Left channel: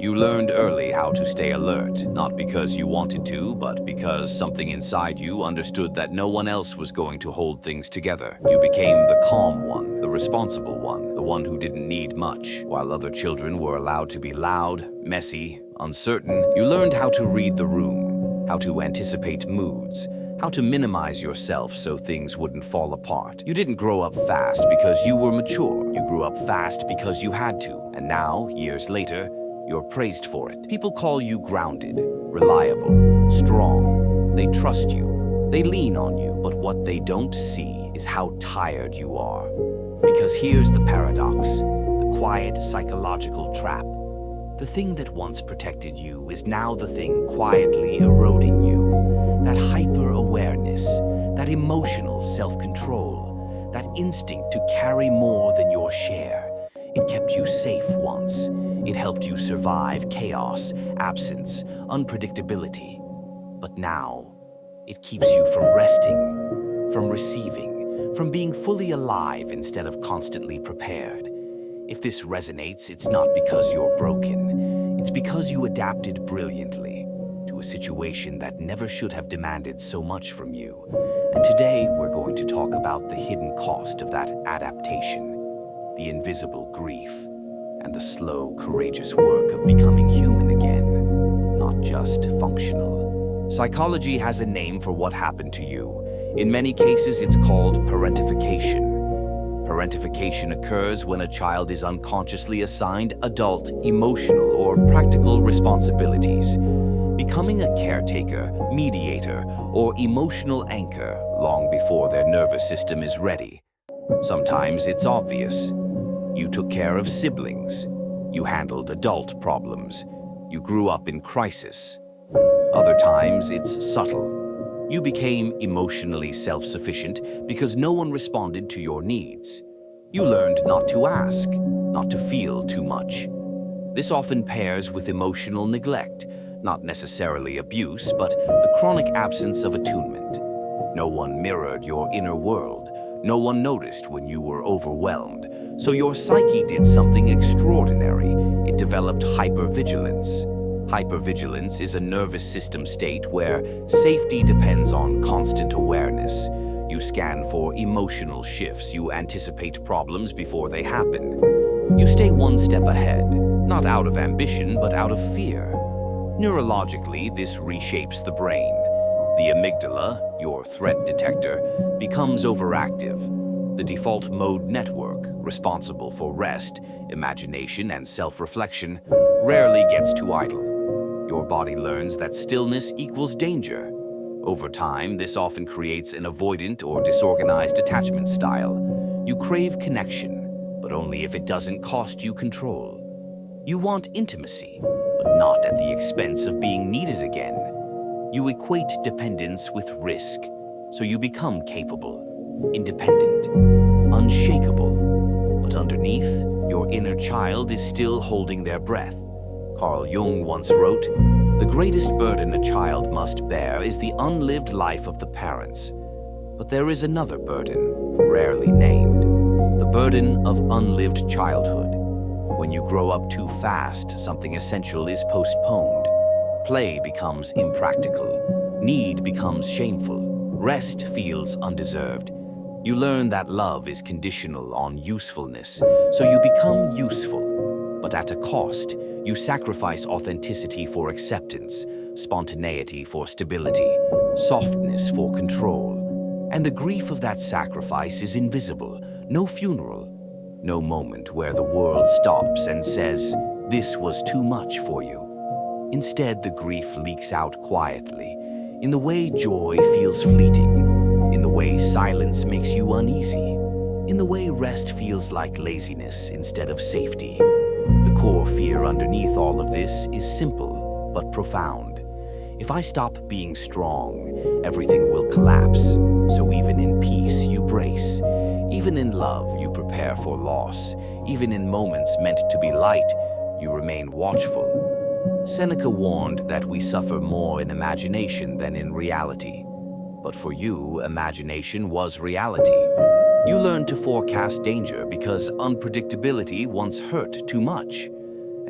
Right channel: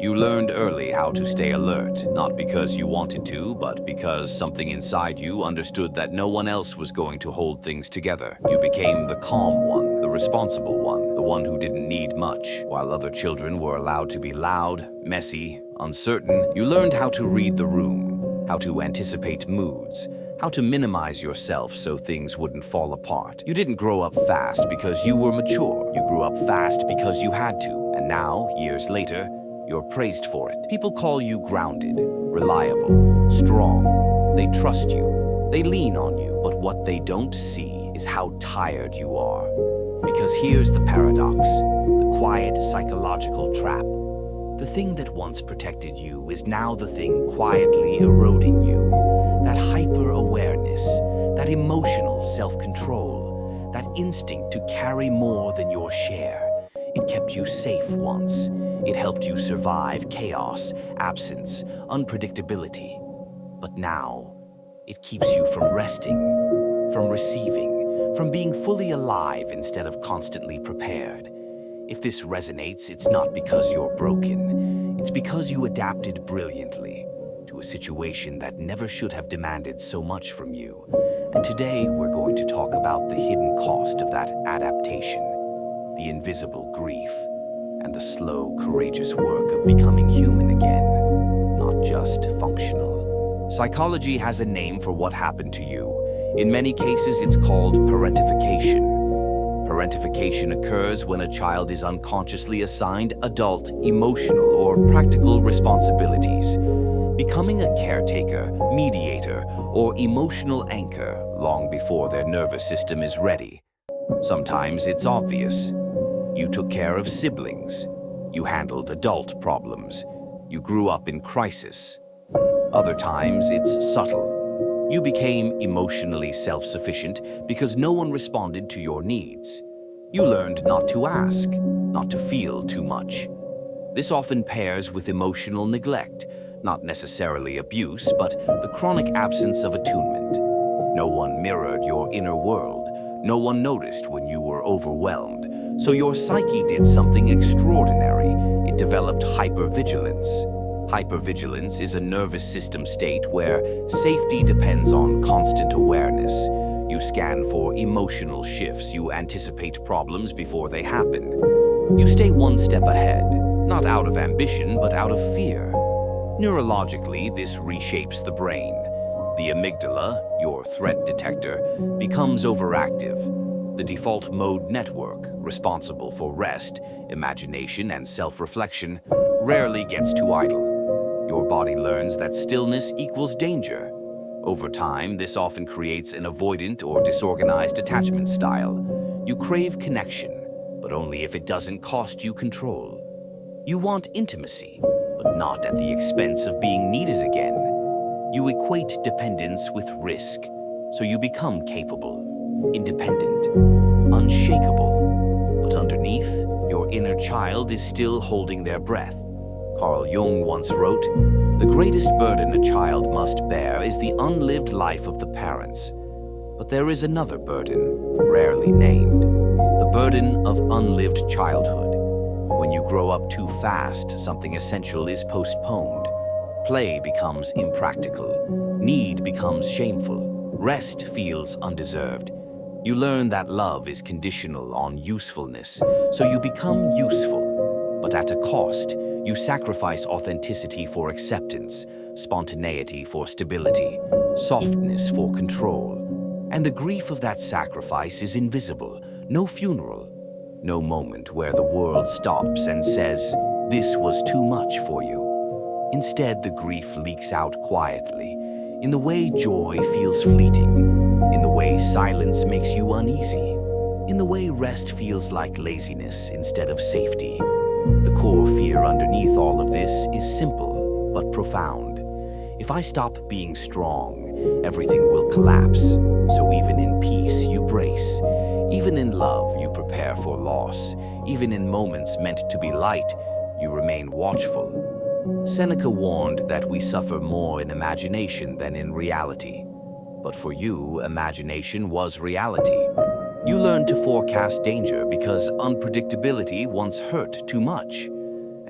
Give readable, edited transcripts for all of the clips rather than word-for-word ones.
You learned early how to stay alert, not because you wanted to, but because something inside you understood that no one else was going to hold things together. You became the calm one, the responsible one, the one who didn't need much. While other children were allowed to be loud, messy, uncertain, you learned how to read the room, how to anticipate moods, how to minimize yourself so things wouldn't fall apart. You didn't grow up fast because you were mature. You grew up fast because you had to. And now, years later, you're praised for it. People call you grounded, reliable, strong. They trust you. They lean on you. But what they don't see is how tired you are. Because here's the paradox, the quiet psychological trap. The thing that once protected you is now the thing quietly eroding you. That hyper-awareness, that emotional self-control, that instinct to carry more than your share. It kept you safe once. It helped you survive chaos, absence, unpredictability. But now, it keeps you from resting, from receiving, from being fully alive instead of constantly prepared. If this resonates, it's not because you're broken. It's because you adapted brilliantly to a situation that never should have demanded so much from you. And today, we're going to talk about the hidden cost of that adaptation, the invisible grief, and the slow, courageous work of becoming human again, not just functional. Psychology has a name for what happened to you. In many cases, it's called parentification. Parentification occurs when a child is unconsciously assigned adult, emotional, or practical responsibilities, becoming a caretaker, mediator, or emotional anchor long before their nervous system is ready. Sometimes it's obvious. You took care of siblings. You handled adult problems. You grew up in crisis. Other times, it's subtle. You became emotionally self-sufficient because no one responded to your needs. You learned not to ask, not to feel too much. This often pairs with emotional neglect, not necessarily abuse, but the chronic absence of attunement. No one mirrored your inner world. No one noticed when you were overwhelmed. So your psyche did something extraordinary. It developed hypervigilance. Hypervigilance is a nervous system state where safety depends on constant awareness. You scan for emotional shifts. You anticipate problems before they happen. You stay one step ahead, not out of ambition, but out of fear. Neurologically, this reshapes the brain. The amygdala, your threat detector, becomes overactive. The default mode network, responsible for rest, imagination, and self-reflection, rarely gets too idle. Your body learns that stillness equals danger. Over time, this often creates an avoidant or disorganized attachment style. You crave connection, but only if it doesn't cost you control. You want intimacy, but not at the expense of being needed again. You equate dependence with risk, so you become capable, independent, unshakable. But underneath, your inner child is still holding their breath. Carl Jung once wrote, "The greatest burden a child must bear is the unlived life of the parents. But there is another burden, rarely named, the burden of unlived childhood. When you grow up too fast, something essential is postponed. Play becomes impractical. Need becomes shameful. Rest feels undeserved. You learn that love is conditional on usefulness, so you become useful. But at a cost, you sacrifice authenticity for acceptance, spontaneity for stability, softness for control. And the grief of that sacrifice is invisible. No funeral, no moment where the world stops and says, "This was too much for you." Instead, the grief leaks out quietly, in the way joy feels fleeting, in the way silence makes you uneasy, in the way rest feels like laziness instead of safety. The core fear underneath all of this is simple but profound. If I stop being strong, everything will collapse. So even in peace, you brace. Even in love, you prepare for loss. Even in moments meant to be light, you remain watchful. Seneca warned that we suffer more in imagination than in reality. But for you, imagination was reality. You learned to forecast danger because unpredictability once hurt too much.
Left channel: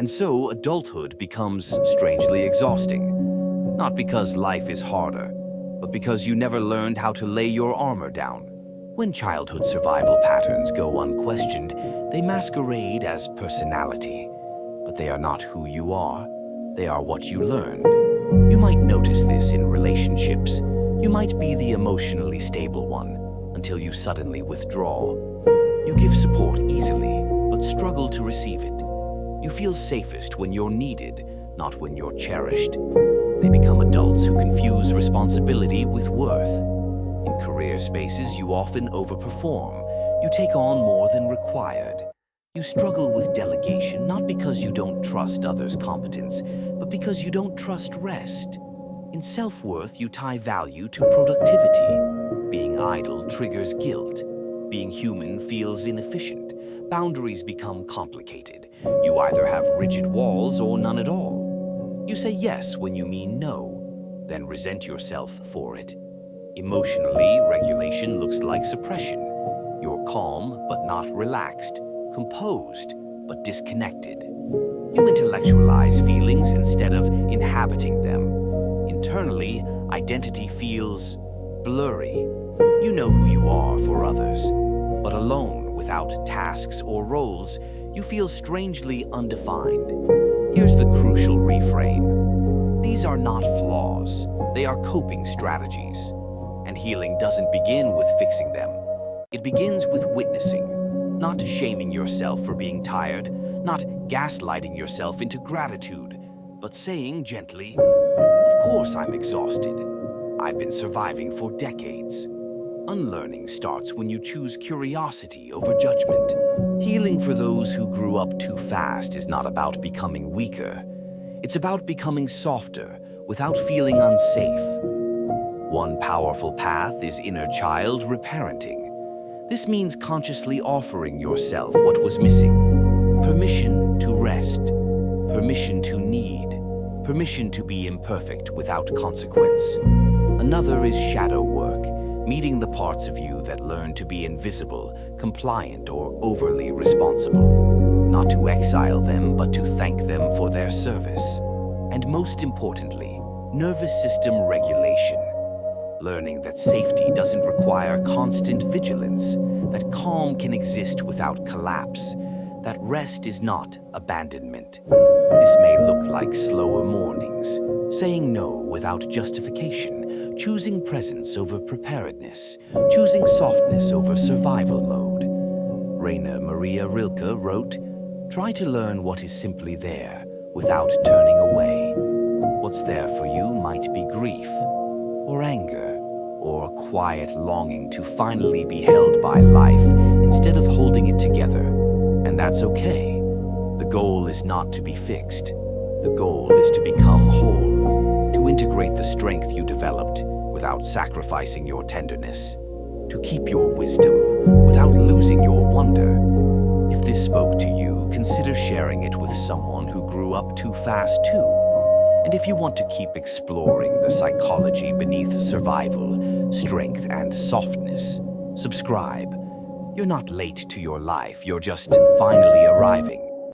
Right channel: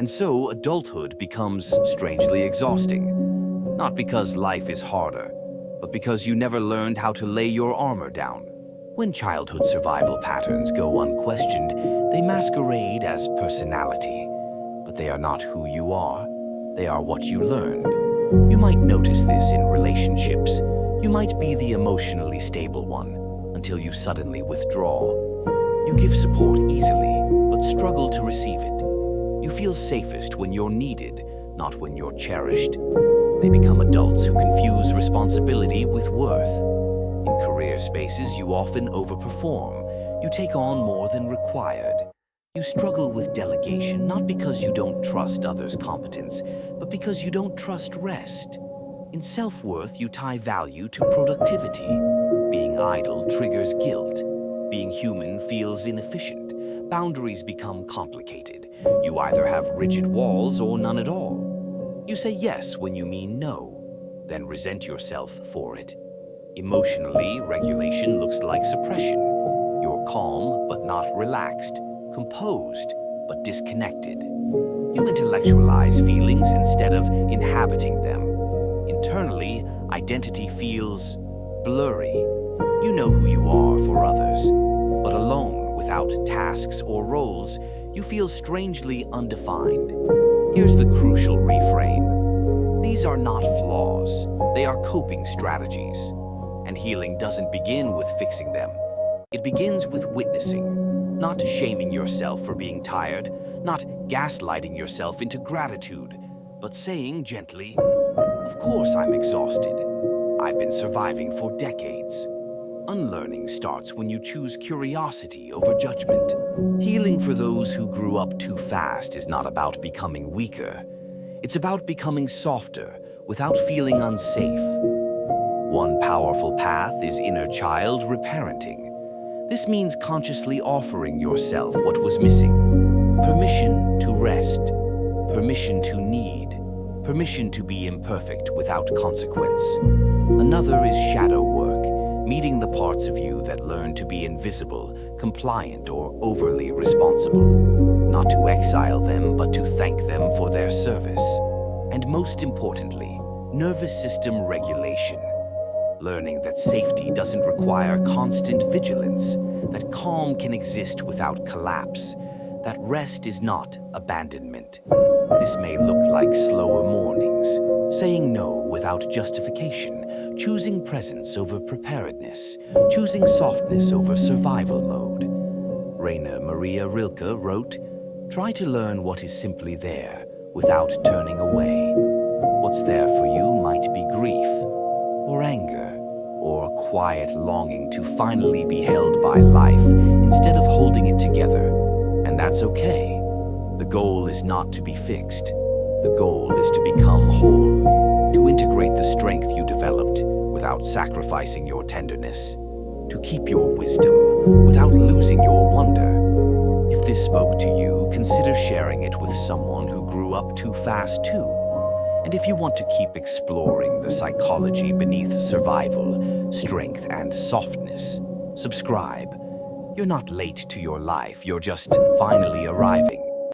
And so adulthood becomes strangely exhausting. Not because life is harder, but because you never learned how to lay your armor down. When childhood survival patterns go unquestioned, they masquerade as personality. But they are not who you are. They are what you learned. You might notice this in relationships. You might be the emotionally stable one until you suddenly withdraw. You give support easily, but struggle to receive it. You feel safest when you're needed, not when you're cherished. They become adults who confuse responsibility with worth. In career spaces, you often overperform. You take on more than required. You struggle with delegation, not because you don't trust others' competence, but because you don't trust rest. In self-worth, you tie value to productivity. Being idle triggers guilt. Being human feels inefficient. Boundaries become complicated. You either have rigid walls or none at all. You say yes when you mean no, then resent yourself for it. Emotionally, regulation looks like suppression. You're calm but not relaxed, composed but disconnected. You intellectualize feelings instead of inhabiting them. Internally, identity feels blurry. You know who you are for others, but alone, without tasks or roles, you feel strangely undefined. Here's the crucial reframe. These are not flaws. They are coping strategies. And healing doesn't begin with fixing them. It begins with witnessing, not shaming yourself for being tired, not gaslighting yourself into gratitude, but saying gently, "Of course I'm exhausted. I've been surviving for decades." Unlearning starts when you choose curiosity over judgment. Healing for those who grew up too fast is not about becoming weaker. It's about becoming softer without feeling unsafe. One powerful path is inner child reparenting. This means consciously offering yourself what was missing. Permission to rest. Permission to need. Permission to be imperfect without consequence. Another is shadow work, meeting the parts of you that learn to be invisible, compliant, or overly responsible. Not to exile them, but to thank them for their service. And most importantly, nervous system regulation. Learning that safety doesn't require constant vigilance, that calm can exist without collapse, that rest is not abandonment. This may look like slower mornings, saying no without justification, choosing presence over preparedness, choosing softness over survival mode. Rainer Maria Rilke wrote, "Try to learn what is simply there without turning away. What's there for you might be grief, or anger, or a quiet longing to finally be held by life instead of holding it together. And that's okay. The goal is not to be fixed. The goal is to become whole, to integrate the strength you developed without sacrificing your tenderness, to keep your wisdom without losing your wonder. If this spoke to you, consider sharing it with someone who grew up too fast too. And if you want to keep exploring the psychology beneath survival, strength, and softness, subscribe. You're not late to your life, you're just finally arriving.